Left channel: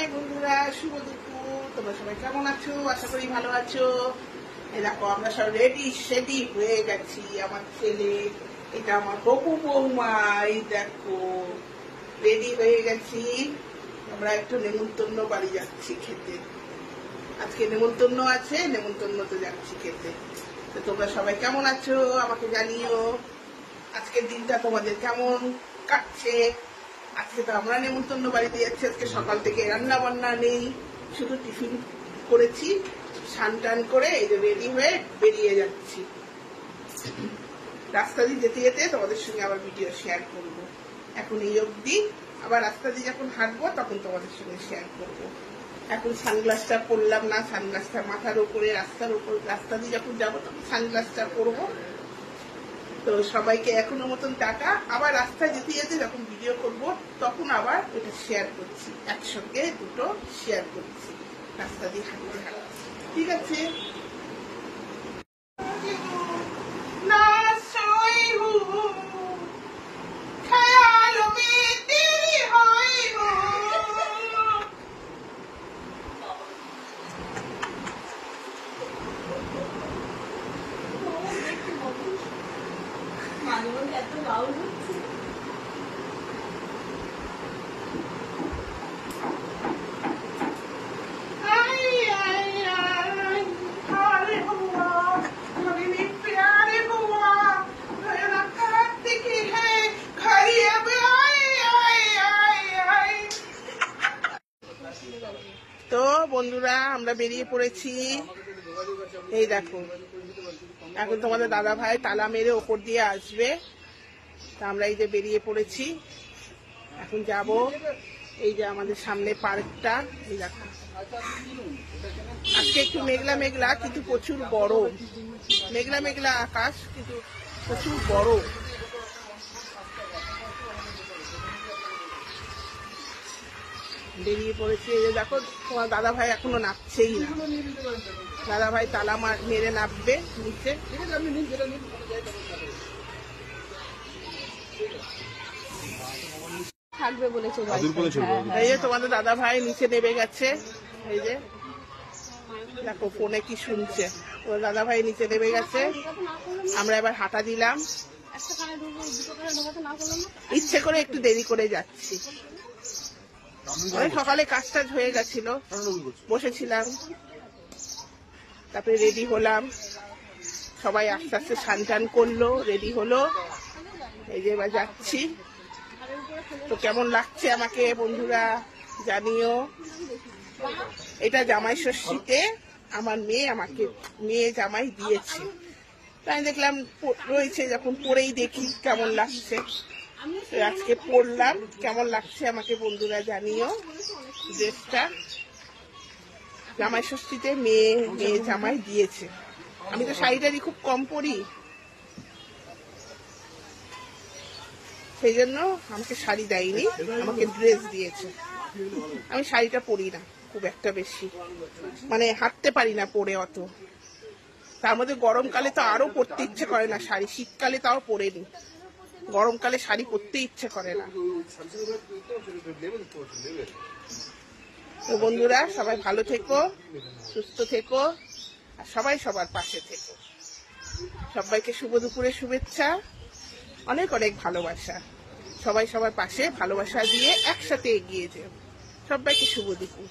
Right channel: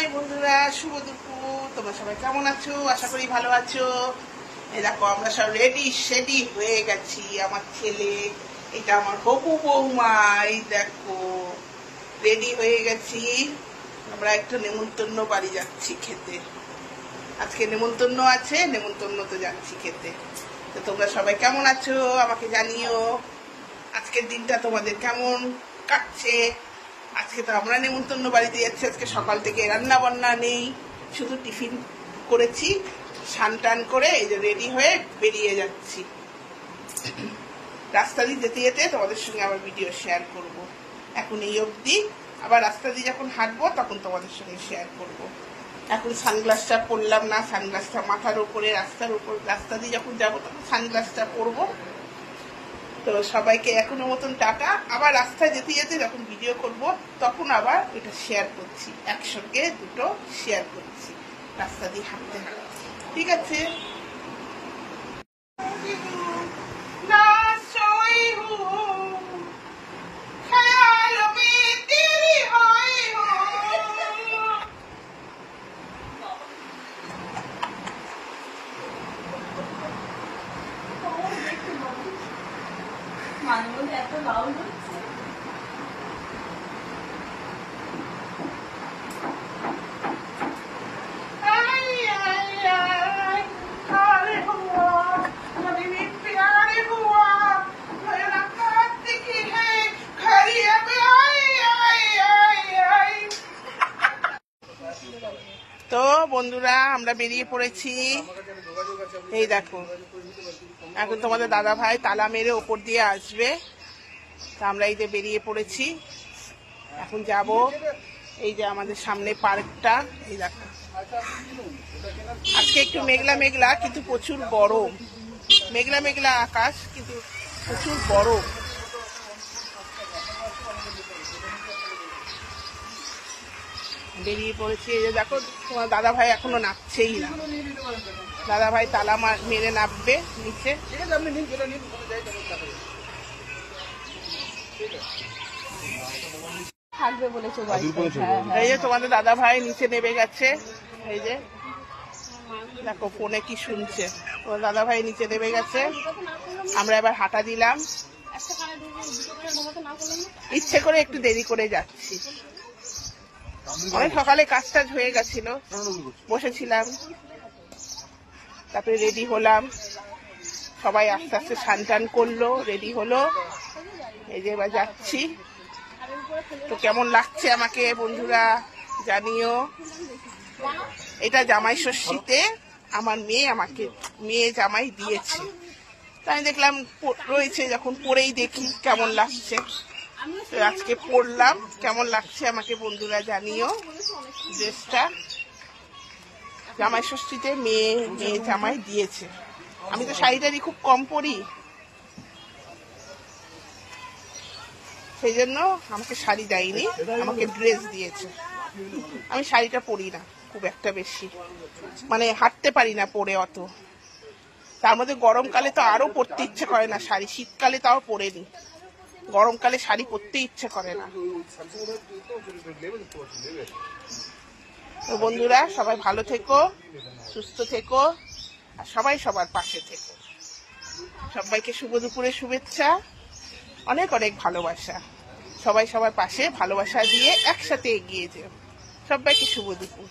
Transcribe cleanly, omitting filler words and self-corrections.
High বন্ধুরা, শুভ দুপুর। তোমরা সবাই কেমন আছো? আশা করি ভালো আছো। এই দেখো আমরা সব রেডি সেডি হয়ে গেছি। আমার ছেলে, এটা আমার হবু বৌমা, এই দেখো রেডি হয়ে গেছি। আমরা একটা নেমন্তন্ন বাড়ি যাচ্ছি খেতে। আজকে নেমন্তন্ন আছে, নেমন্তন্নতে যাচ্ছি খেতে। তো তোমরা সবাই কেমন আছো আমাকে জানিও। আজকের দিনটা তোমাদের কেমন কাটছে? আজকে তো আমরা নেমন্তন্ন বাড়িতে যাচ্ছি। আজকে সকাল থেকে রান্না বান্না নেই, শুধু টিফিন করেছি, স্নান টান করে এই যে রেডি হয়ে বেরিয়ে যাচ্ছি। রাস্তা দিয়ে যেতে যেতে তোমাদের সঙ্গে আবার ভিডিও শেয়ার করব। এখন এই অবধি, আবার রাস্তা দিয়ে যখন হাঁটবো তখন তোমাদের সঙ্গে শেয়ার করব। এখন সানগ্লাসটা পরলাম না, সানগ্লাসটা মাথার উপরে, রাস্তার উপর, রাস্তা দিয়ে যখন যাবো তখন সানগ্লাসটা পরবো। তো সবাইকে এখনো মতন টাটা। আবার রাস্তায় যেতে যেতে যখন ভিডিও করব তখন আবার এটা শেয়ার করছি, একসঙ্গে দুটো শেয়ার করছি রাস্তা দিয়ে হাঁটতে হাঁটতে। ঠিক আছে? মাঝে মধ্যে এত লাউড হচ্ছে। তো বন্ধুরা, আমরা বেরিয়ে পড়েছি। এই দেখো, এখন তোমাদের দাদা ভাই তালা মেরে ওপর দিয়ে আসবে। তা আমরা এই যে বেরিয়ে পড়েছি, এখন যাব। এই যে আমাদের সামনে পার্কটা, এই দেখো। আজকে একটু মেঘলা মেঘলা, কিন্তু প্রচুর গরম। মেঘলা মেঘলা আকাশ, কিন্তু প্রচুর গরম। বেরিয়ে পড়েছি। এই যে দেখো, তোমার দাদা ভাই এখনো নামছেই না। দাদা ভাই তালা মেরে নামবে নিচে। থাকবে বলেছে। এই যে তোমাদের দাদা ভাই নিচে নেমে গেছে। এই যে দেখো ফোনে কি শুনছে। তোমার দাদা ভাই নিচে নেমে গেছে। আমরা এবার হাঁটা দিলাম। ইচ্ছে করে একটু দেরি করে যাচ্ছি। অনেক সকালে কাজ টাজ হয়ে গেছিল, বসেছিলাম, তারপরে রেডি হলাম। সবাই আস্তে আস্তে স্নান টান করলো, রেডি হলো। এই যে এবার যাচ্ছি। তো কেমন লাগছে আমাকে বন্ধুরা জানিও। এটা জামাই ষষ্ঠীতে আমার মেয়ে আমাকে জামাই দিয়েছে। তাই দেখলাম রয়েছে, যখন পরেই দেখি কেমন লাগছে। তো আজকে পরলাম, কেমন লাগছে আমাকে বন্ধুরা জানিও। ড্রেসটা জামাই ষষ্ঠীতে মেয়ে জামাই দিয়েছে। আমি তো শাড়িটারি খুব কম পরি, সেই জন্য আমাকে শাড়ি দেয়নি, আমাকে ড্রেস দিয়েছে। আমি শাড়িটা পরি না খুব একটা বেশি, মানে হাঁটতে পারি না পরে অত। তার মধ্যে গরমকালে তো আরো পরতে ইচ্ছে করে না শাড়ি। শীতকালে তাও পরে নি, গরমকালে শাড়ি পরতে ইচ্ছে করে না। তো বন্ধুরা, সবাই ভালো থেকো, সুস্থ থেকো, আর সবাই সবার পাশে থেকো। সবাইকে শুভ দুপুরের শুভেচ্ছা, অনেক অনেক ভালোবাসা। সবাই সবার পাশে ভালোবাসা দিয়ে একসাথে এগিয়ে যেও। সবাইকে শুভ দুপুর।